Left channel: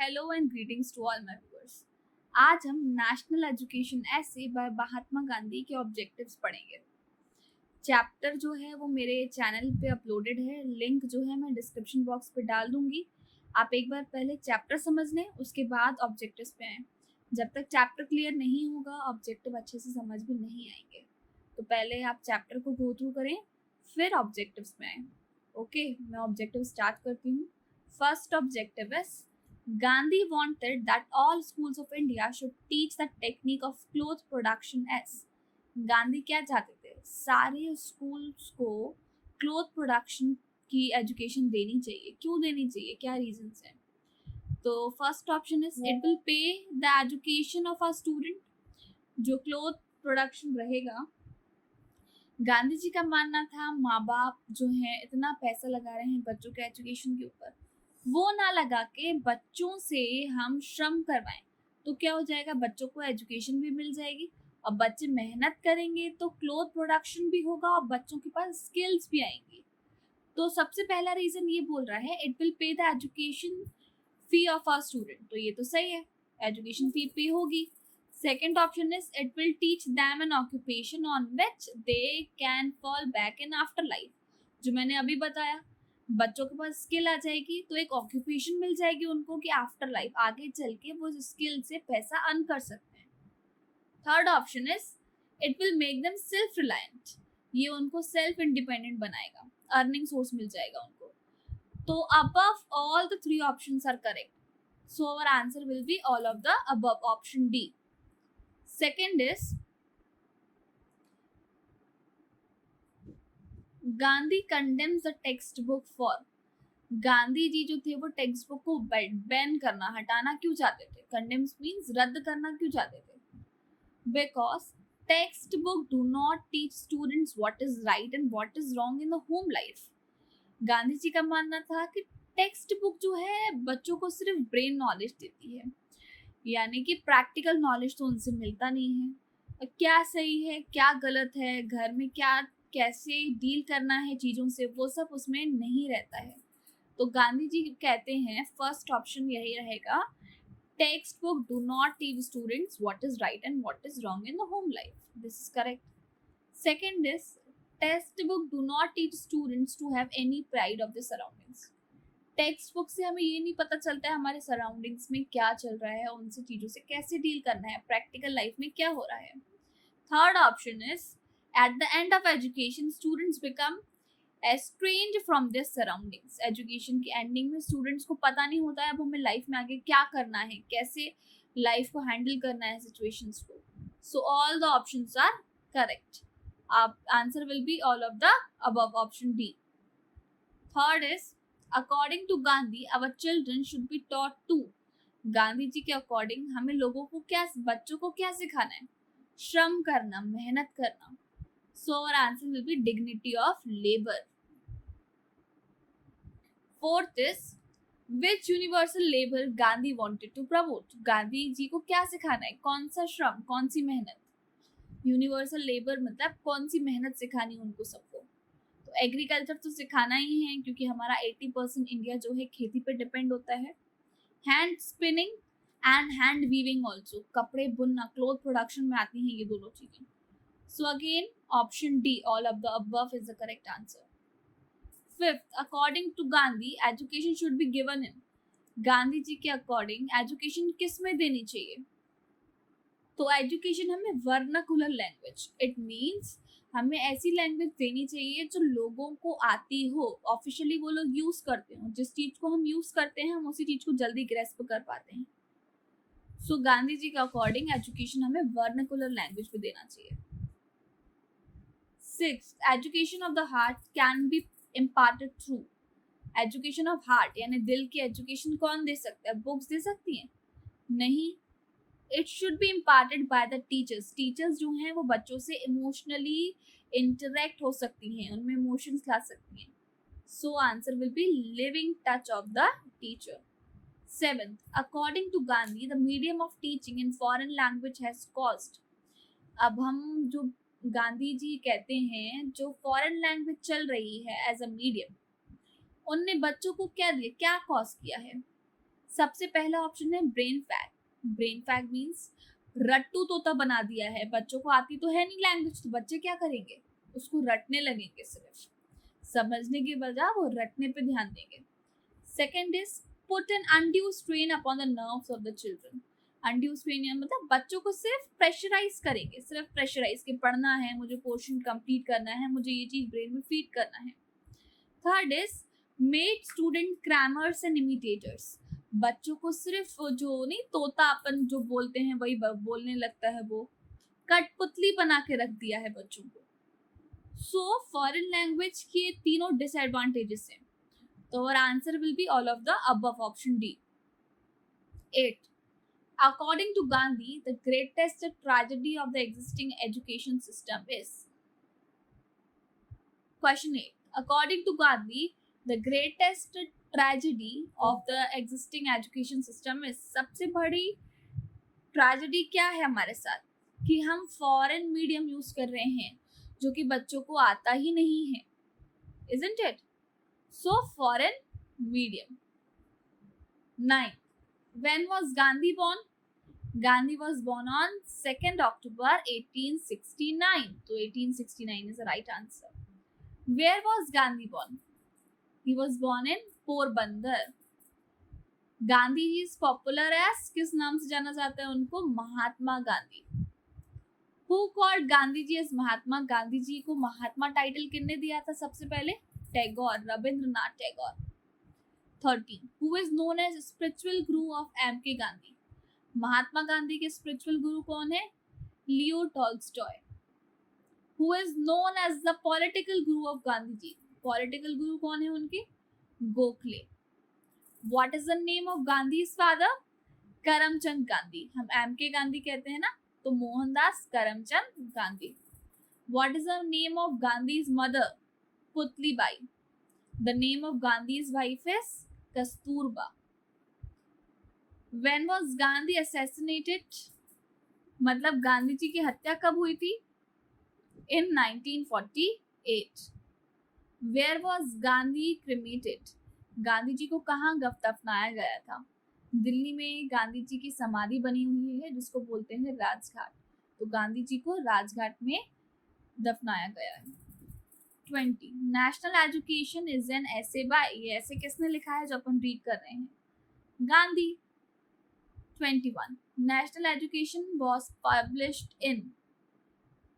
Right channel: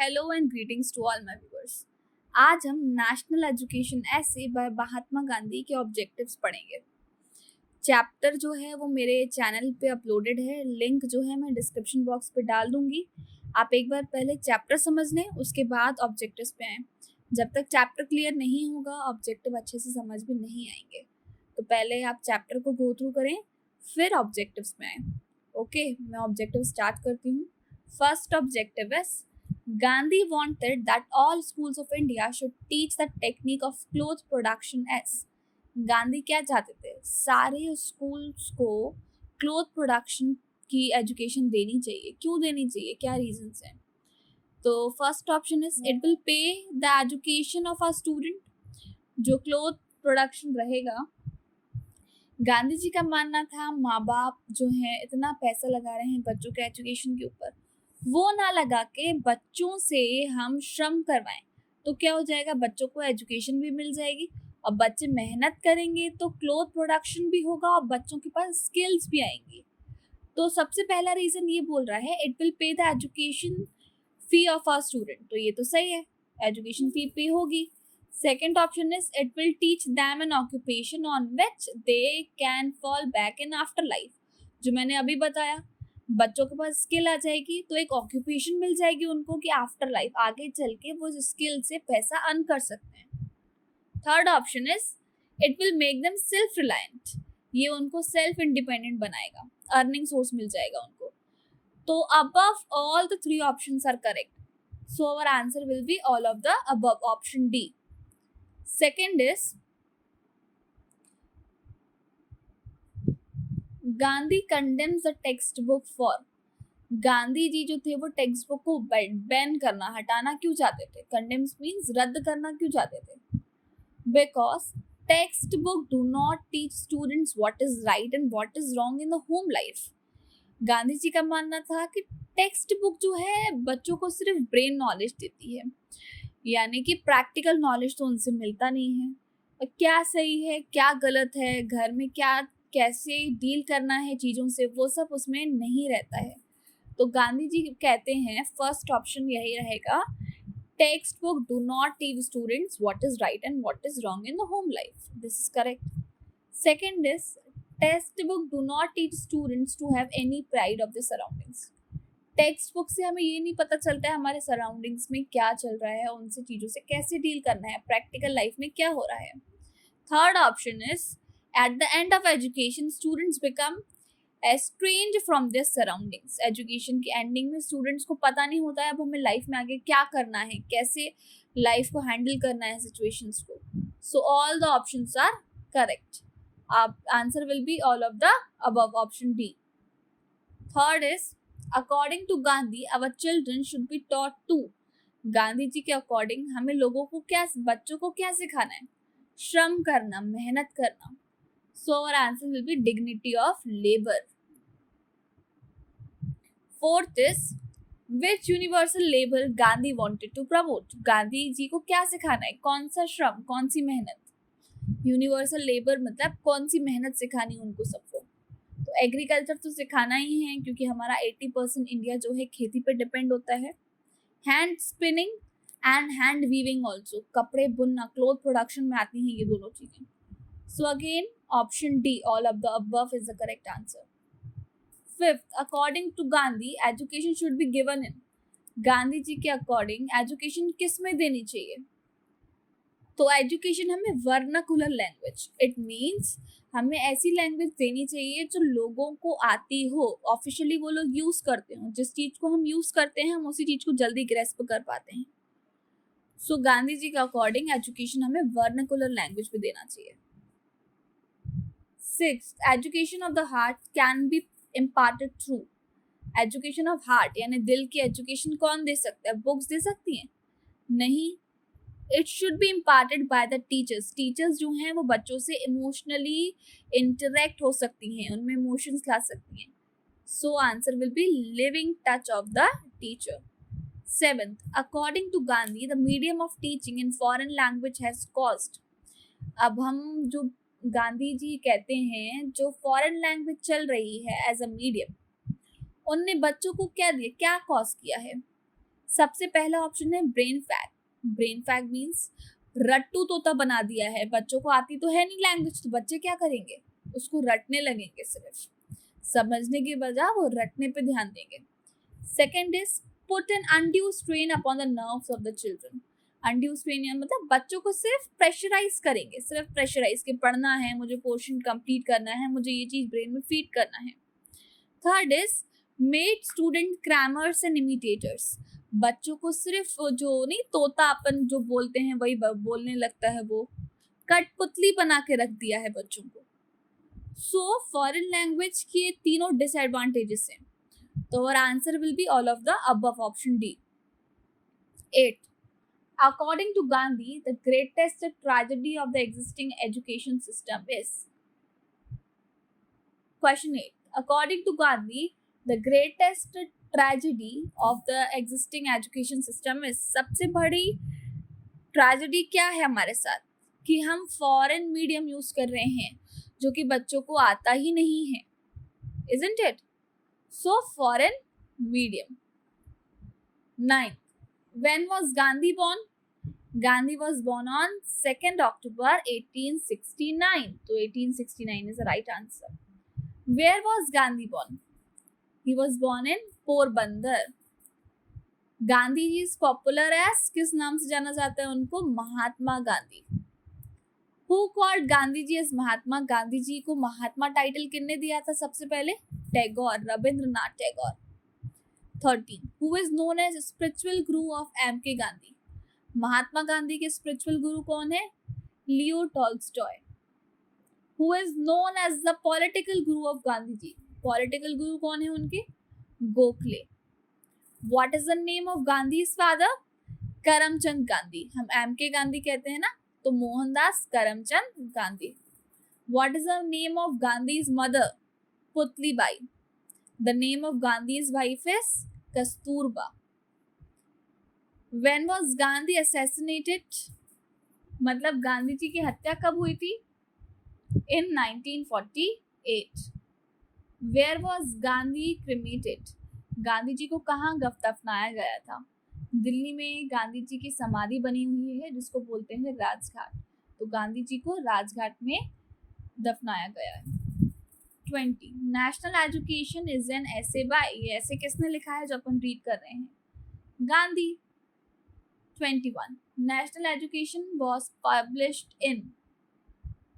Hello and greetings to all my viewers. आज हम national education ऐसे बाय महात्मा गांधी के ऑब्जेक्टिव्स पढ़ेंगे। चैप्टर जो है वो मेरे चैनल पे अपलोडेड है, लिंक जो है मैं डिस्क्रिप्शन बॉक्स पे डाल दूंगी। आप एक बार पहले चैप्टर समझ लें, उसके बाद ऑब्जेक्टिव्स पे आएँ। जब तक चैप्टर क्लियर नहीं होगा ऑब्जेक्टिव अच्छे से समझ में नहीं आएंगे। तो पहले आप चैप्टर को गो थ्रू करें, फिर ऑब्जेक्टिव्स में आएँ। ओके, मैं ऑब्जेक्टिव स्टार्ट करती हूँ। First objective is Gandhi wanted that all schools of India should teach the technique of cloth production as Gandhi क्या चाहते थे, सारे स्कूल्स को क्लोथ प्रोडक्शन की एजुकेशन देनी चाहिए। क्यों देनी चाहिए, क्या रीजंस हैं? तो first option is it will pay the education of a student. जो क्लोथ प्रोडक्शन रहेगा, गांधी जी का मानना था माँ बाप जो है इतना पैसा लगा रहे हैं बच्चों के एजुकेशन के ऊपर, वो ना लगा के बच्चों से हम श्रम करवाएं तो क्या हो जाएगा, बच्चों को एजुकेशन भी मिल जाएगी और बच्चे मेहनत करेंगे तो क्लोथ प्रोडक्शन भी होगा और बच्चों के पास स्किल्स भी आएंगी। तो सबसे पहला रीजन ये बोल रहा है it will pay the education fee of our student, तो ये तो सही है, एजुकेशन फी पे होगी। Second option is it will teach them an occupation on which they can fall back in after life. जो मैंने अभी बताया, बच्चों के पास स्किल आ जाएगी तो एक ऑक्यूपेशन मिल जाएगी उनको कि आफ्टर लाइफ आगे चल के वो स्किल से पैसा अर्न कर सकते हैं। Third option is it will make them self reliant, ये उनको सेल्फ इंडिपेंडेंट बनाएगा, अर्निंग सोर्स मिल जाएगा उनको। तो above all the three options are correct, so our answer will be all of the above, option D. Second is Gandhi condemns the textbook for, Gandhi ji जो थे वो text book को ban करना, हटाना क्यों चाहते थे? कंडेम्स मीन्स रद्द करना क्यों चाहते थे? Because textbook do not teach students what is right and what is wrong in the home life. Gandhi ji का मानना था कि टेक्स्ट बुक जो है बच्चों को सिर्फ ब्रेन नॉलेज देती है, यानी कि प्रैक्टिकल नॉलेज तो उनसे मिलता नहीं है। क्या सही है क्या गलत है, घर में क्या कैसे डील करना है चीज़ों से, वो सब उसमें नहीं रहता है। तो गांधी जी कहते हैं फर्स्ट ऑप्शन यही रहेगा, textbook do not teach students what is right and what is wrong in the home life, this is correct. Second is textbook do not teach students to have any pride of the surroundings. Textbook से हमें ये नहीं पता चलता है हमारे surroundings में क्या चल रहा है, उनसे चीज़ों से कैसे डील करना है, प्रैक्टिकल लाइफ में क्या हो रहा है। Third option is at the end of education students become estrange from this surroundings. Education की एंडिंग में स्टूडेंट्स को पता नहीं होता है अब हमें लाइफ में आगे क्या करना है, कैसे लाइफ को हैंडल करना है सिचुएशंस को। So all the options are correct, answer will be all of the above, option D. Third is according to Gandhi our children should be taught to. Gandhi ji के अकॉर्डिंग हमें लोगों को क्या, बच्चों को क्या सिखाना है? श्रम करना, मेहनत करना। So our answer will be dignity of labor. Fourth is which universal labor Gandhi wanted to promote. Gandhi ji को क्या सिखाना है, कौन सा श्रम, कौन सी मेहनत? यूनिवर्सल लेबर मतलब कौन सी मेहनत सिखानी उनको सबको? तो एग्रीकल्चर तो सिखाना ही है क्योंकि हमारा 80% इंडिया जो है खेती पे डिपेंड होता है। Hand spinning and hand weaving also, कपड़े बुनना, क्लोथ प्रोडक्शन में आती हैं ये दोनों चीजें। So again, option D, all of the above is the correct answer. Fifth, according to Gandhi, education should be given in. Gandhi ji के अकॉर्डिंग एजुकेशन किस में देनी चाहिए? तो एजुकेशन हमें वर्नाकुलर लैंग्वेज, इट मीन्स हमें ऐसी लैंग्वेज देनी चाहिए जो लोगों को आती हो, ऑफिशियली वो लोग यूज करते हो, जिस चीज को हम यूज करते हैं हम उसी चीज को जल्दी ग्रेस्प कर पाते हैं। सो गांधी जी के अकॉर्डिंग एजुकेशन हमें वर्नाकुलर लैंग्वेज में देना चाहिए। Sixth, education of the heart can be imparted through. Education of heart यानी दिल की एजुकेशन कौन दे सकता है? बुक्स दे सकती हैं? नहीं, it should be imparted by the teachers. Teachers जो हैं वो बच्चों से इमोशनली इंटरेक्ट हो सकती हैं, उनमें इमोशंस ला सकती हैं। So answer will be living touch of the teacher. Seventh, according to Gandhi the medium of teaching in foreign language has cost. अब हम जो गांधी जी कहते हैं जो फॉरेन लैंग्वेज चल रही है एज अ मीडियम, उनने बच्चों को क्या दिया, क्या कॉस्ट किया है? सबसे पहला ऑप्शन है brain fag. Brain fag means रट्टू तोता बना दिया है, बच्चों को आती तो है नहीं लैंग्वेज, तो बच्चे क्या करेंगे, उसको रटने लगेंगे, सिर्फ समझने की बजाय वो रटने पे ध्यान देंगे। Second is put an undue strain upon the nerves of the children. Undue strain मतलब बच्चों को सिर्फ प्रेशराइज करेंगे, सिर्फ प्रेशराइज के पढ़ना है, मुझे पोर्शन कंप्लीट करना है, मुझे ये चीज ब्रेन में फीड करना है। Third is made student crammers and imitators. बच्चों को सिर्फ जो नहीं तोता अपन जो बोलते हैं वही बोलने लगता है, वो कठपुतली बना के रख दिया है बच्चों को। सो फॉरेन लैंग्वेज के तीनों डिसएडवांटेजेस हैं, तो our answer will be all of the above, option D. 8. According to Gandhi, the greatest tragedy of the existing education system is. Question 8. According to Gandhi, the greatest tragedy of the existing education system is. सबसे बड़ी tragedy क्या है हमारे साथ कि हम foreign medium use कर रहे हैं जो कि बच्चों को आता ही नहीं है, isn't it? So foreign medium. 9. When was Gandhi born? Gandhi was born on 2nd October 1869. So 1869 is the right answer. Where was Gandhi born? He was born in Porbandar. Gandhi ji is popular as, किस नाम से जाना जाता है उनको, Mahatma Gandhi. Who called Gandhi ji as Mahatma? Gandhi ji को Mahatma title किसने दिया था सबसे पहले? Tagore, Rabindranath Tagore. 13. Who is known as spiritual guru of M.K. Gandhi? महात्मा गांधी के स्पिरिचुअल गुरु कौन है? Leo Tolstoy. Who is known as the political guru of Gandhi ji? Political guru कौन है उनके? Gokhale. What is the name of Gandhi's father? Karamchand Gandhi. हम M.K. गांधी कहते हैं ना, तो Mohandas Karamchand Gandhi. What is the name of Gandhi's mother? Putli Bai. The name of Gandhi's wife is Kasturba. When was Gandhi assassinated? मतलब गांधी जी की हत्या कब हुई थी? In 1948. Where was Gandhi cremated? Gandhi ji को कहाँ दफनाया गया था? दिल्ली में गांधी जी की समाधि बनी हुई है जिसको बोलते हैं राजघाट, तो गांधी जी को राजघाट में दफनाया गया है। 20. नेशनल एजुकेशन इज एन ऐसे बाय, ये ऐसे किसने लिखा है जो अपन रीड कर रहे हैं? Gandhi. 21. National education was published in,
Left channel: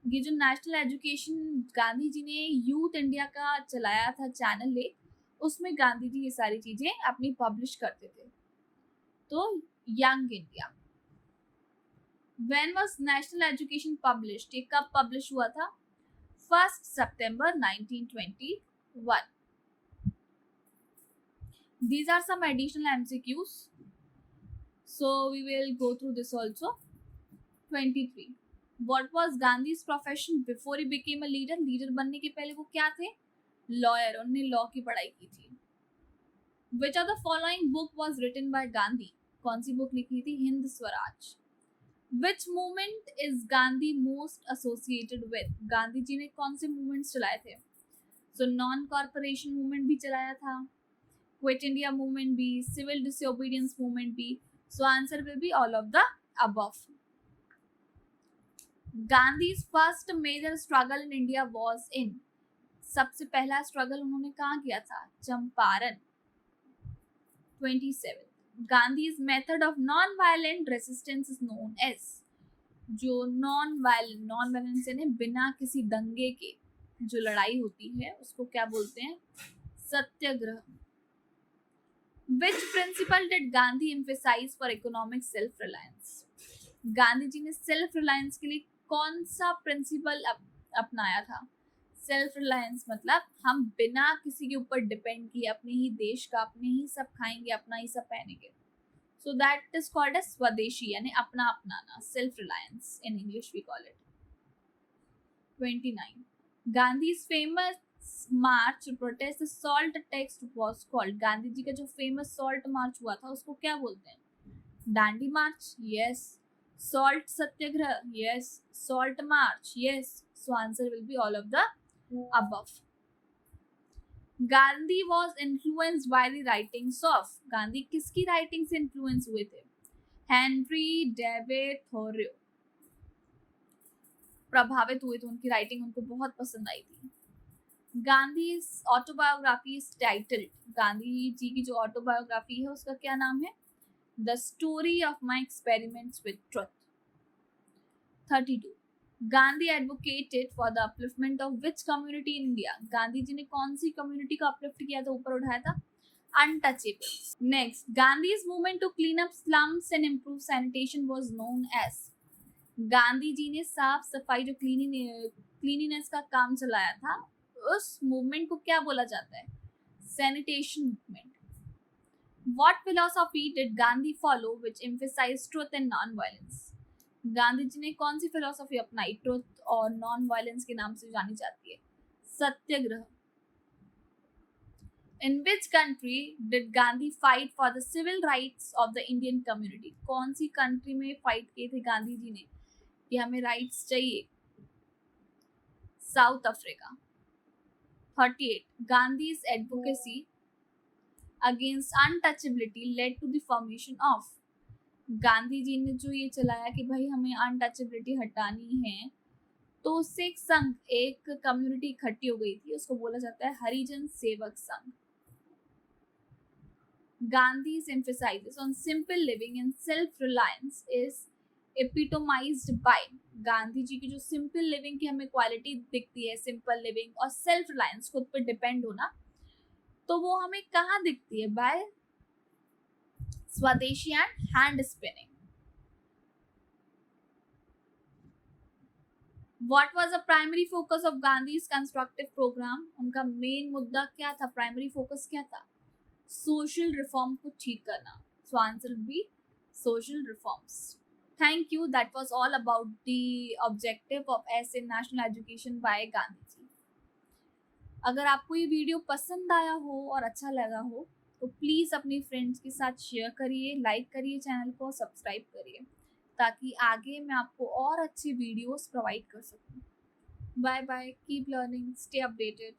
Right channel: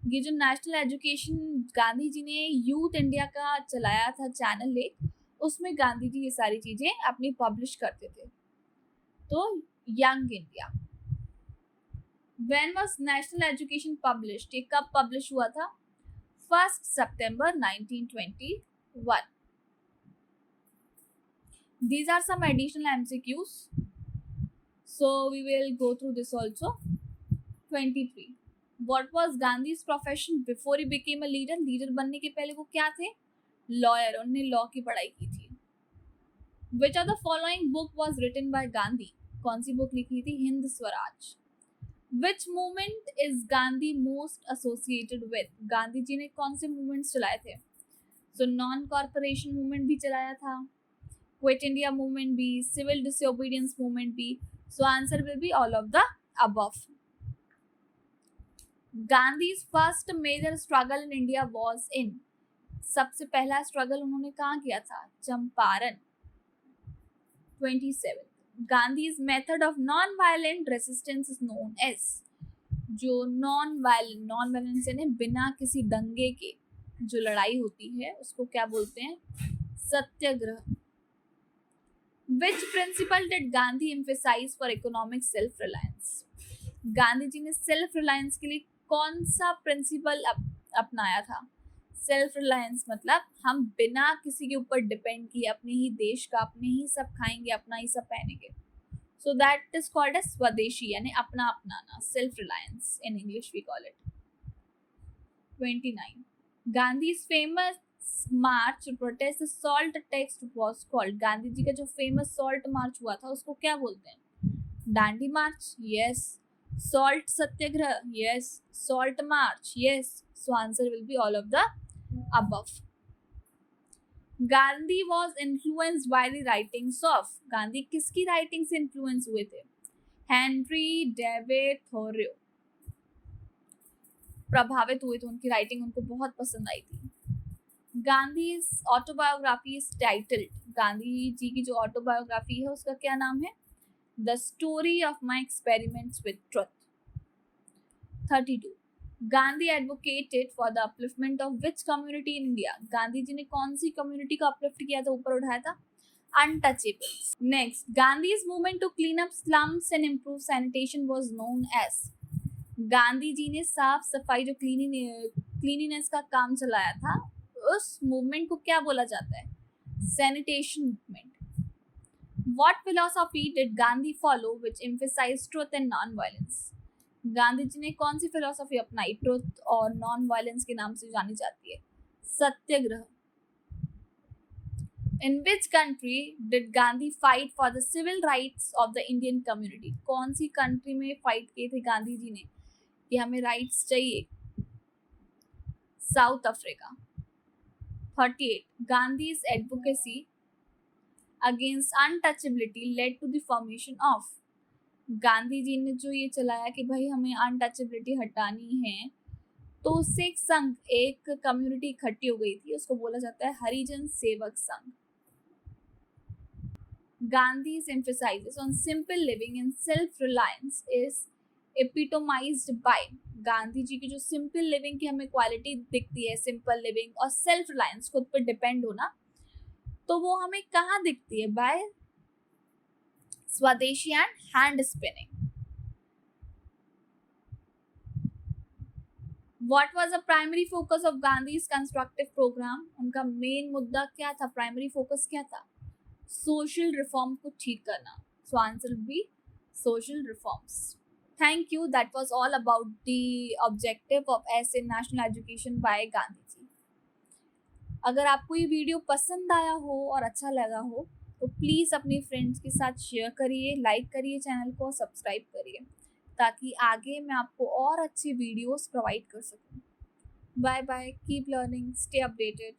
ये जो नेशनल एजुकेशन गांधी जी ने यूथ इंडिया का चलाया था चैनल एक, उसमें गांधी जी ये सारी चीजें अपनी पब्लिश करते थे। तो young India. When was national education published? ये कब पब्लिश हुआ था? 1st September 1921. These are some additional MCQs, so we will go through this also. 23. What was Gandhi's profession before he became a leader? Leader बनने के पहले वो क्या थे? लॉयर, उन्होंने लॉ की पढ़ाई की थी। Which of the following book was written by Gandhi? कौन सी बुक लिखी थी? Hind Swaraj. Which movement is Gandhi most associated with? Gandhi ji ने कौन से मूवमेंट्स चलाए थे? So नॉन कॉर्पोरेशन मूवमेंट भी चलाया था, क्विट इंडिया मूवमेंट भी, सिविल डिसोबीडियंस मूवमेंट भी। So answer will be all of the above. Gandhi's first major struggle in India was in, सबसे पहला स्ट्रगल उन्होंने कहाँ किया था? Champaran. 27. Gandhi's method of non-violent resistance is known as, जो non-violence यानी बिना किसी दंगे के जो लड़ाई होती है उसको क्या बोलते हैं? सत्याग्रह। Which principle did Gandhi emphasize for economic self-reliance? Gandhi ji ने सेल्फ रिलायंस के लिए कौन सा प्रिंसिपल अपनाया था? सेल्फ रिलायंस मतलब हम बिना किसी के ऊपर डिपेंड किए अपने ही देश का, अपने ही सब खाएंगे, अपना ही सब पहनेंगे। So that is called as swadeshi, यानी अपना अपनाना, self reliance in English we call it. 29. Gandhi's famous march to protest the salt tax was called, Gandhi ji का जो फेमस सॉल्ट मार्च हुआ था उसको क्या बोलते हैं? Dandi march, yes. Salt satyagraha, yes. Salt march, yes. So answer will be all of the above. Gandhi was influenced by the writings of, Gandhi किसकी writing से इन्फ्लुएंस हुए थे? हेनरी डेविड थोरियो प्रभावित हुए थे, उनकी राइटिंग उनको बहुत पसंद आई थी। Gandhi autobiography is titled, Gandhi ji की जो ऑटोबायोग्राफी है उसका क्या नाम है? The story of my experiments with truth. 32. Gandhi advocated for the upliftment of which community in India, Gandhi ji ने कौन सी कम्युनिटी को अपलिफ्ट किया था, ऊपर उठाया था? Untouchables. Next, Gandhi's movement to clean up slums and improve sanitation was known as, Gandhi ji ने साफ सफाई जो क्लीनिनेस का काम चलाया था, उस मूवमेंट को क्या बोला जाता है? Sanitation movement. What philosophy did Gandhi follow which emphasized truth and non-violence? Gandhi ji ने कौन सी फिलोसॉफी अपनाई, ट्रुथ और नॉन वायलेंस के नाम से जानी जाती है? सत्याग्रह। In which country did Gandhi fight for the civil rights of the Indian community? कौन सी कंट्री में फाइट किए थे गांधी जी ने कि हमें राइट्स चाहिए? South Africa. 38. Gandhi's advocacy against untouchability led to the formation of, Gandhi ji ने जो ये चलाया कि भाई हमें अनटचेबिलिटी हटानी है, तो उससे एक संघ, एक कम्युनिटी इकट्ठी हो गई थी, उसको बोला जाता है Harijan Sevak Sangh. Gandhi's emphasis on simple living and self-reliance is epitomized by, Gandhi ji की जो सिंपल लिविंग की हमें क्वालिटी दिखती है, सिंपल लिविंग और सेल्फ रिलायंस, खुद पर डिपेंड होना, तो वो हमें कहाँ दिखती है? बाय स्वदेशी and hand spinning. What was the primary focus of Gandhi's constructive program? उनका मेन मुद्दा क्या था, प्राइमरी फोकस क्या था? सोशल रिफॉर्म को ठीक करना। सो answer will B social reforms. Thank you, that was all about the objective of ऐसे national education by Gandhi ji. अगर आपको ये वीडियो पसंद आया हो और अच्छा लगा हो तो प्लीज़ अपने फ्रेंड्स के साथ शेयर करिए, लाइक करिए चैनल को, सब्सक्राइब करिए, ताकि आगे मैं आपको और अच्छी वीडियोस प्रोवाइड कर सकूं। Bye bye, keep learning, stay updated.